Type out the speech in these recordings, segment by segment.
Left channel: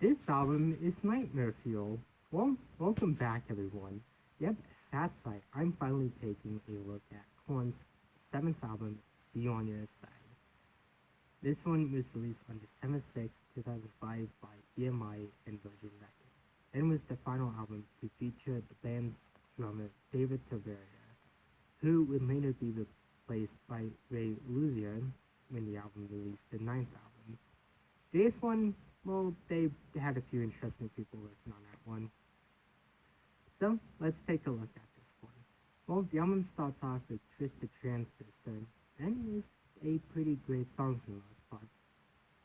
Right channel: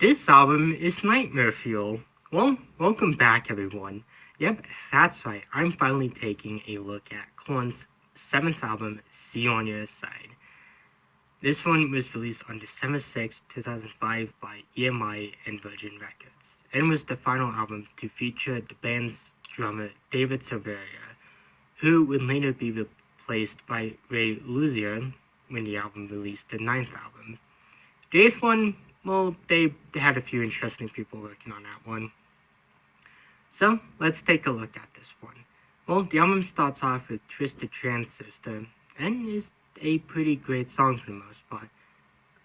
This album is Nightmare Fuel. Well, welcome back everyone. Yep, that's right, I'm finally taking a look at Korn's 7th album, See You On Your Side. This one was released on December 6, 2005 by EMI and Virgin Records, and was the final album to feature the band's drummer David Silveria, who would later be replaced by Ray Luzier when the album released the 9th album. The 8th one, well, they had a few interesting people working on that one. So, let's take a look at this one. Well, the album starts off with Twisted Transistor, and is a pretty great song for the most part.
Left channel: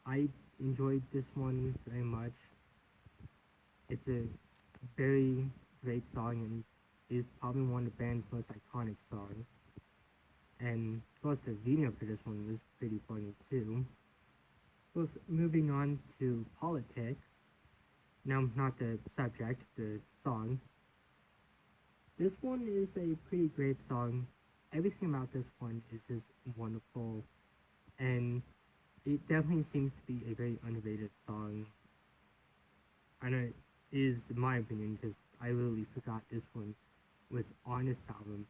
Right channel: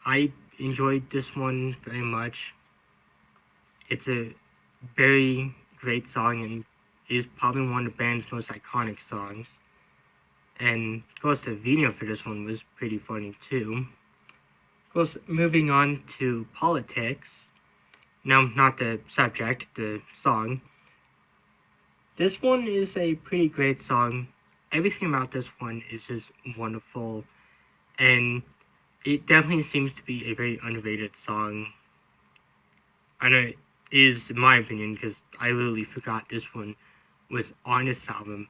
I enjoyed this one very much. It's a very great song and is probably one of the band's most iconic songs. And of course the video for this one was pretty funny too. Of course, moving on to Politics. No, not the subject, the song. This one is a pretty great song. Everything about this one is just wonderful, and it definitely seems to be a very underrated song. I know it is, in my opinion, because I literally forgot this one was on this album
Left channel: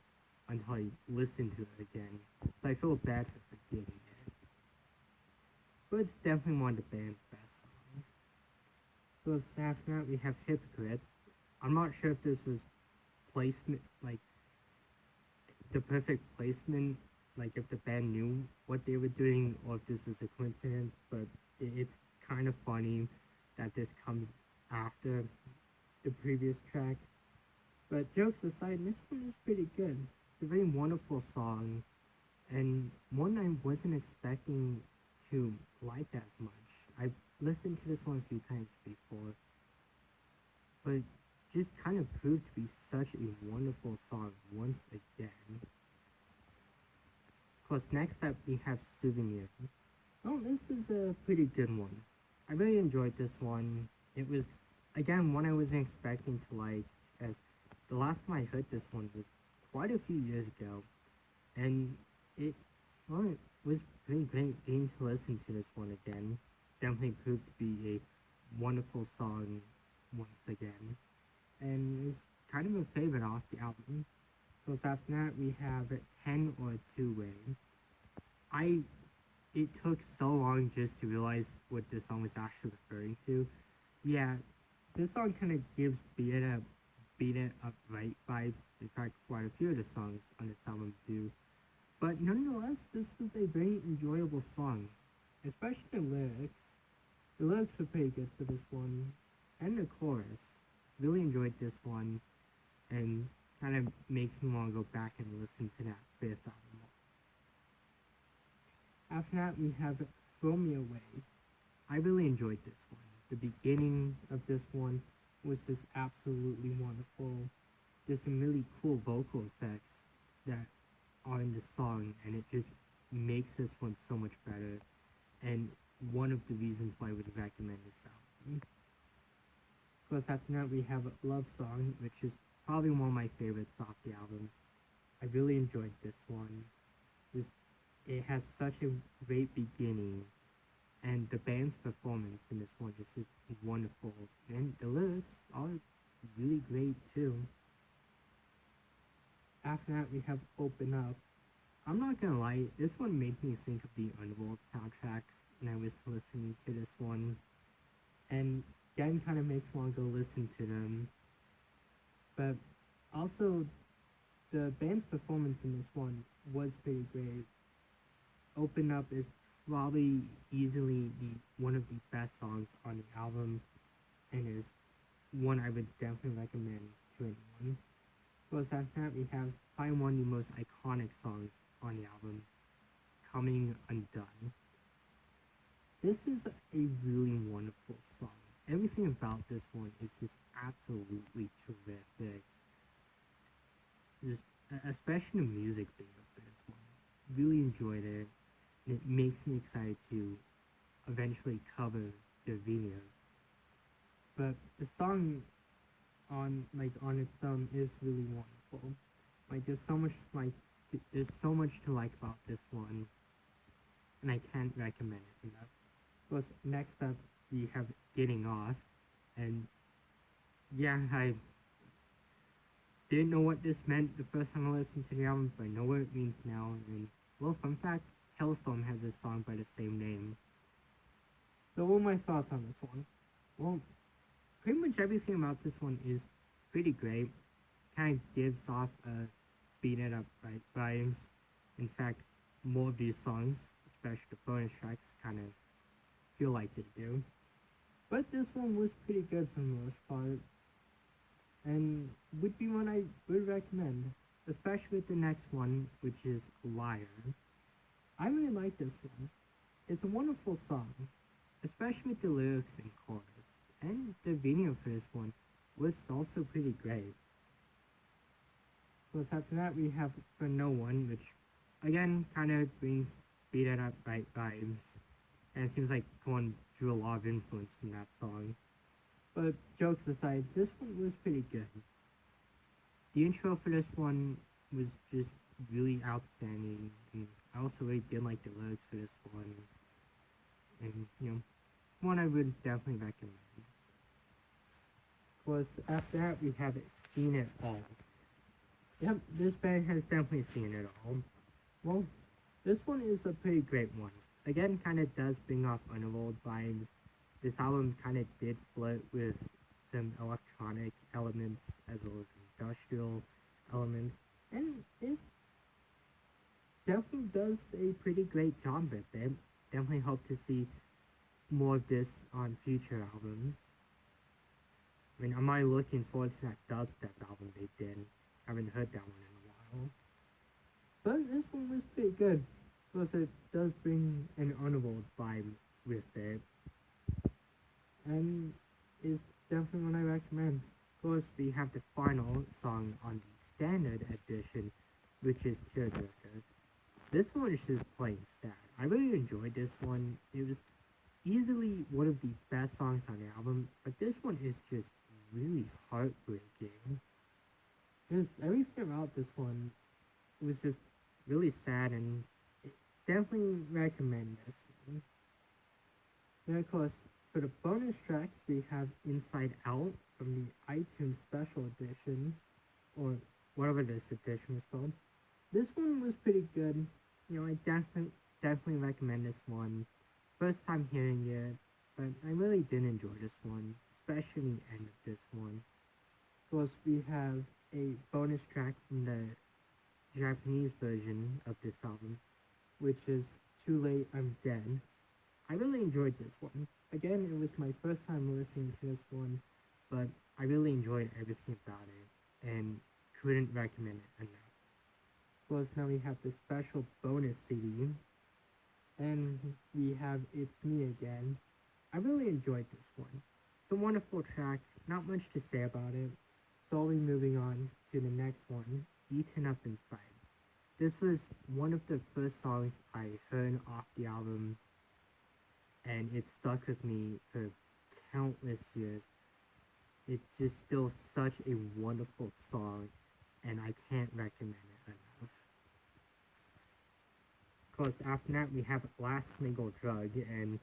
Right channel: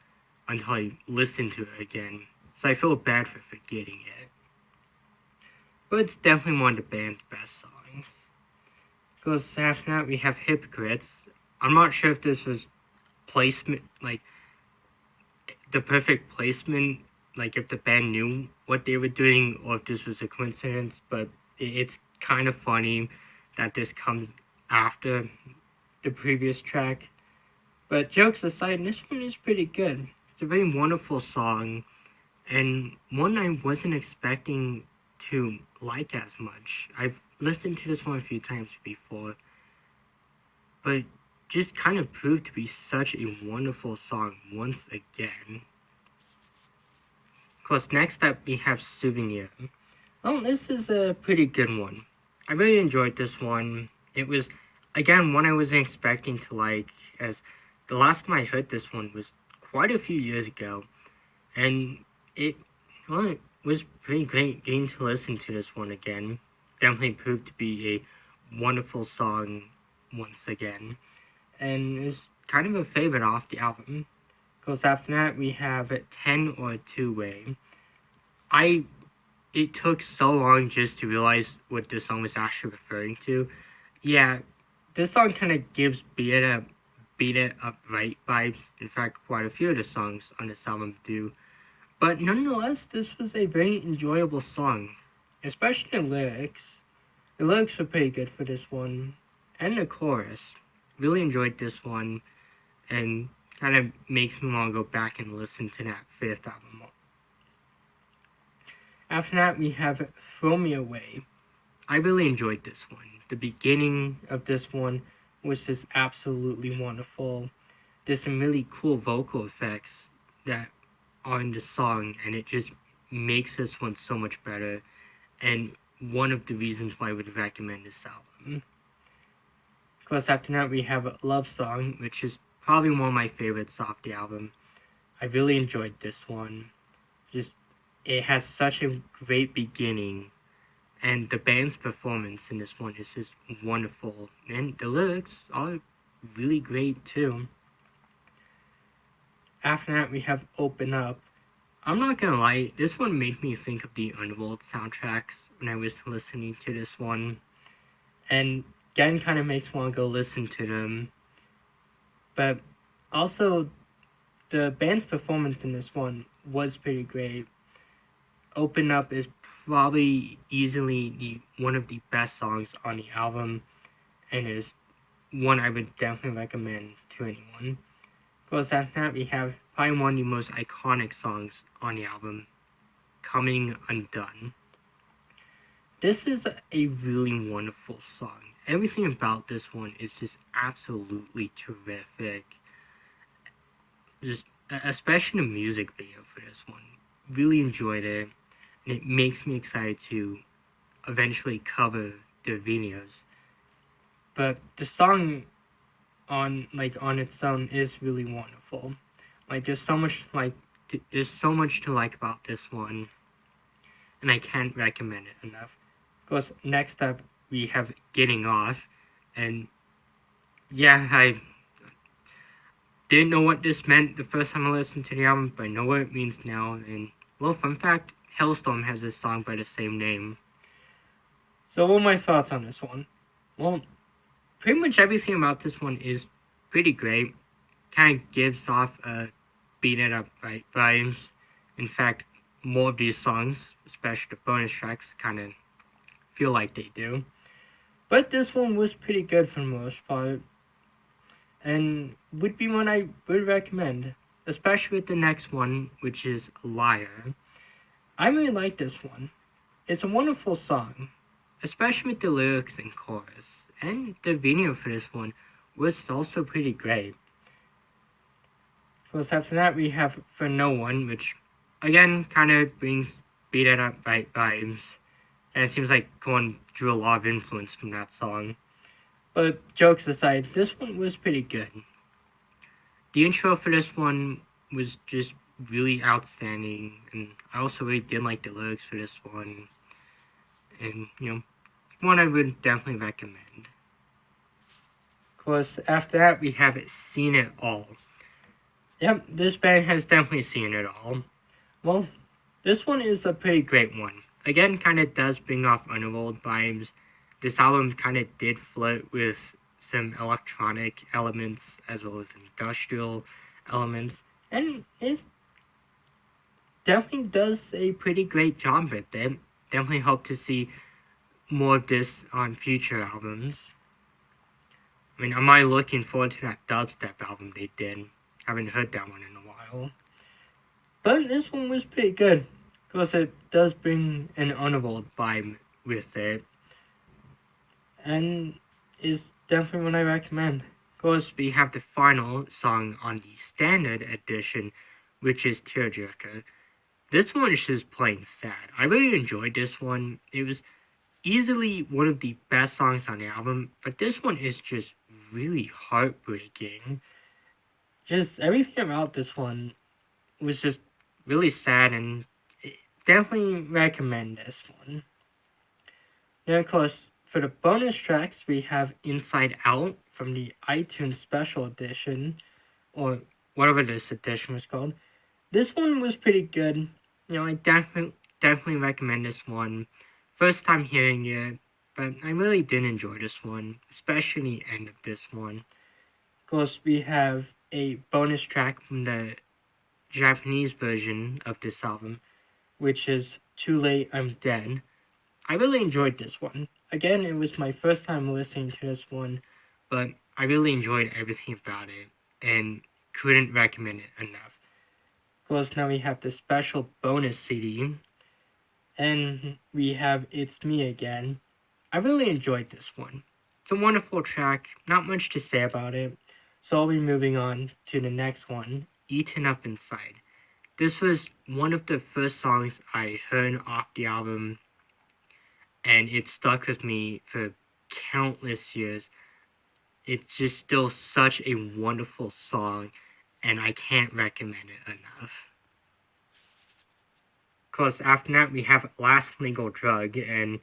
until I listened to it again, so I feel bad for forgetting it. But it's definitely one of the band's best songs. Because after that we have Hypocrites. I'm not sure if this was placement, like the perfect placement, like if the band knew what they were doing or if this was a coincidence, but it's kind of funny that this comes after the previous track. But jokes aside, this one is pretty good. It's a very wonderful song, and one I wasn't expecting to like as much. I've listened to this one a few times before, but just kind of proved to be such a wonderful song once again. Of course, next up we have Souvenir. Well, this is a pretty good one. I really enjoyed this one. It was, again, one I wasn't expecting to like, as the last time I heard this one was quite a few years ago, and it was pretty great getting to listen to this one again. Definitely proved to be a wonderful song once again, and is kind of a favorite off the album. Because after that we have 10 or Two Way. It took so long just to realize what this song was actually referring to. Yeah, this song kind of gives Beat It Up Right vibes. In fact, quite a few of the songs on this album do. But nonetheless, this was a very enjoyable song, especially the lyrics. The lyrics were pretty good for this one, and the chorus. Really enjoyed this one, and kind of makes me want to go back and listen to that 5th album. After that, we have Throw Me Away. I really enjoyed this one. The beginning of this one was just absolutely wonderful. There's some really cool vocal effects that are in the song, and it just makes this one so much better, and one of the reasons why I would recommend this album. Of course, after that we have Love Song, which is probably one of my favorites off the album. I really enjoyed this one. Just, it has such a great beginning, and the band's performance in this one is just wonderful, and the lyrics are really great too. After that we have Open Up. I'm not gonna lie, this one made me think of the Underworld soundtracks when I was listening to this one, and again kind of makes me want to go listen to them. But also, the band's performance in this one was pretty great. Open Up is probably easily one of the best songs on the album, and is one I would definitely recommend to anyone. Because after that we have probably one of the most iconic songs on the album, Coming Undone. This is a really wonderful song. Everything about this one is just absolutely terrific. Just, especially the music video for this one. Really enjoyed it, and it makes me excited to eventually cover the videos. But the song on its own is really wonderful. There's so much to like about this one, and I can't recommend it enough. Of course, next up we have Getting Off. And yeah, I didn't know what this meant the first time I listened to the album, but I know what it means now. And well, fun fact, Hailstorm has a song by the same name. So what are my thoughts on this one? Well, pretty much everything about this one is pretty great. Kind of gives off beat it up right vibes. In fact, more of these songs, especially the bonus tracks, kind of feel like they do. But this one was pretty good for the most part, and would be one I would recommend, especially with the next one, which is Liar. I really like this one. It's a wonderful song, especially with the lyrics and chorus, and the video for this one was also pretty great. Of course, after that we have For No One, which again kind of brings beat it up right vibes, and it seems like Korn drew a lot of influence from that song. But jokes aside, this one was pretty good. The intro for this one was just really outstanding, and I also really did like the lyrics for this one, and one I would definitely recommend. Of course, after that we have Seen It All. Yep, this band has definitely seen it all. Well, this one is a pretty great one. Again, kind of does bring off Underworld vibes. This album kind of did flirt with some electronic elements as well as industrial elements, and it definitely does a pretty great job with it. Definitely hope to see more of this on future albums. I mean, am I looking forward to that dubstep album they did? Haven't heard that one in a while. But this one was pretty good, because it does bring an Underworld vibe with it, and is definitely one I recommend. Of course, we have the final song on the standard edition, which is Tearjerker. This one is just plain sad. I really enjoyed this one. It was easily one of the best songs on the album, but this one is just really heartbreaking. Just everything about this one was just really sad, and definitely recommend this one. And of course, for the bonus tracks, we have Inside Out from the iTunes Special Edition, or whatever this edition was called. This one was pretty good. I definitely recommend this one. First time hearing it, but I really did enjoy this one, especially the end of this one. Of course, we have a bonus track from the Japanese version of this album, which is Too Late I'm Dead. I really enjoyed this one. Again, it was my first time listening to this one, but I really enjoyed everything about it and couldn't recommend it enough. Of course, now we have the special bonus CD, and we have It's Me Again. I really enjoyed this one. It's a wonderful track, not much to say about it, so I'll be moving on to the next one, Eaten Up Inside. This was one of the first songs I heard off the album, and it stuck with me for countless years. It's just still such a wonderful song, and I can't recommend it enough. Of course, after that, we have Last Legal Drug, and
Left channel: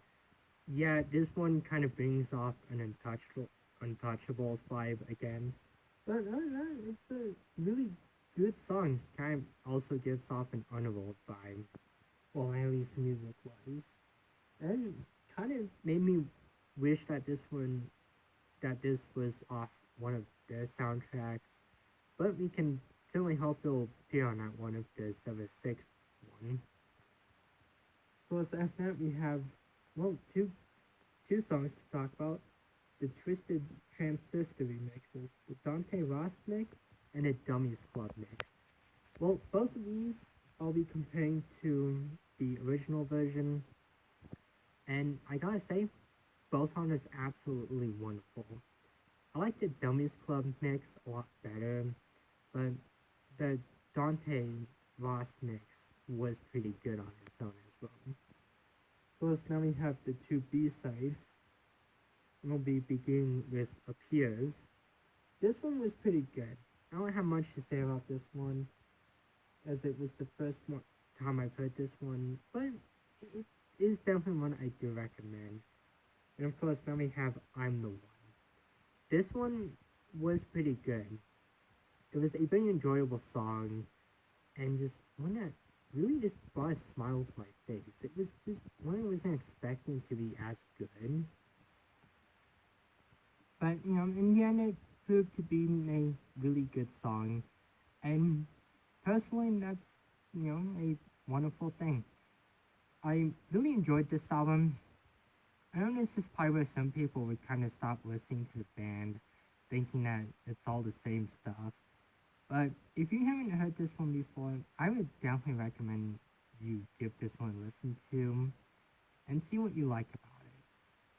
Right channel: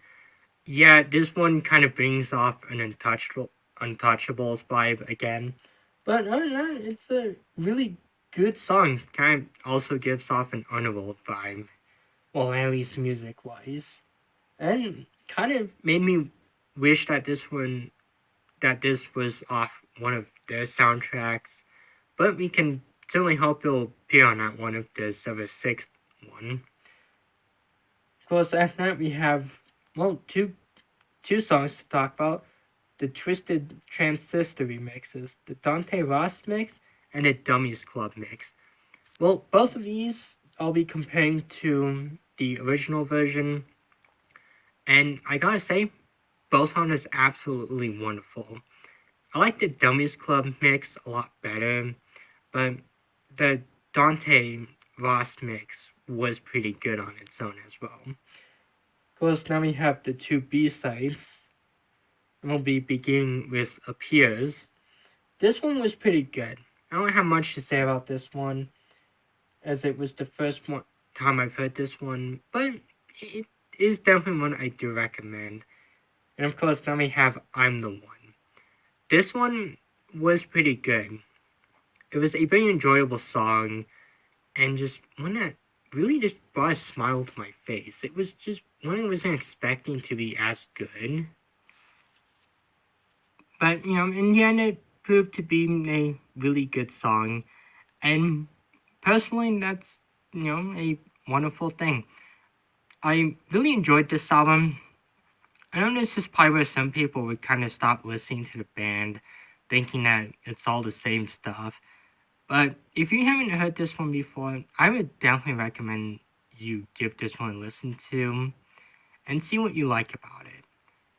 yeah, this one kind of brings off an Untouchables vibe again. But other than that, it's a really good song. Kind of also gives off an Underworld vibe, well, at least music wise, and kind of made me wish that this was off one of their soundtracks. But we can certainly hope it'll appear on that one of the Silver Sixth one. Of course, after that we have two songs to talk about: the Twisted Transistor remixes, the Dante Ross mix, and the Dummies Club mix. Well, both of these I'll be comparing to the original version, and I gotta say, both on is absolutely wonderful. I like the Dummies Club mix a lot better, but the Dante Ross mix was pretty good on its own as well. Of course, now we have the two B-sides, and we'll be beginning with Appears. This one was pretty good. I don't have much to say about this one, as it was the first time I've heard this one, but it is definitely one I do recommend. And of course, now we have I'm the One. this one was pretty good. It was a very enjoyable song, and just one that really just brought a smile to my face. It was just one I wasn't expecting to be as good. But, in the end, it proved to be a really good song. And personally, that's, a wonderful thing. I really enjoyed this album. I know this is probably where some people would kind of stop listening to the band, thinking that it's all the same stuff. But if you haven't heard this one before, I would definitely recommend you give this one a listen to and see what you like about it.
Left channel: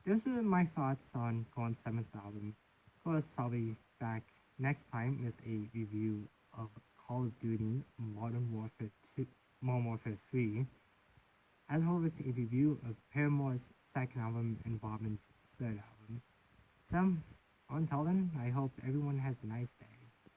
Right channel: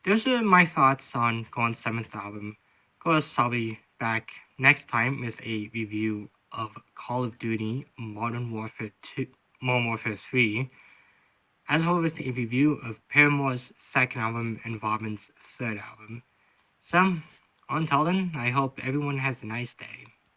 Those are my thoughts on Korn's seventh album. Of course, I'll be back next time with a review of Call of Duty Modern Warfare 3, as well as a review of Paramore's second album and Robin's third album. So, until then, I hope everyone has a nice day.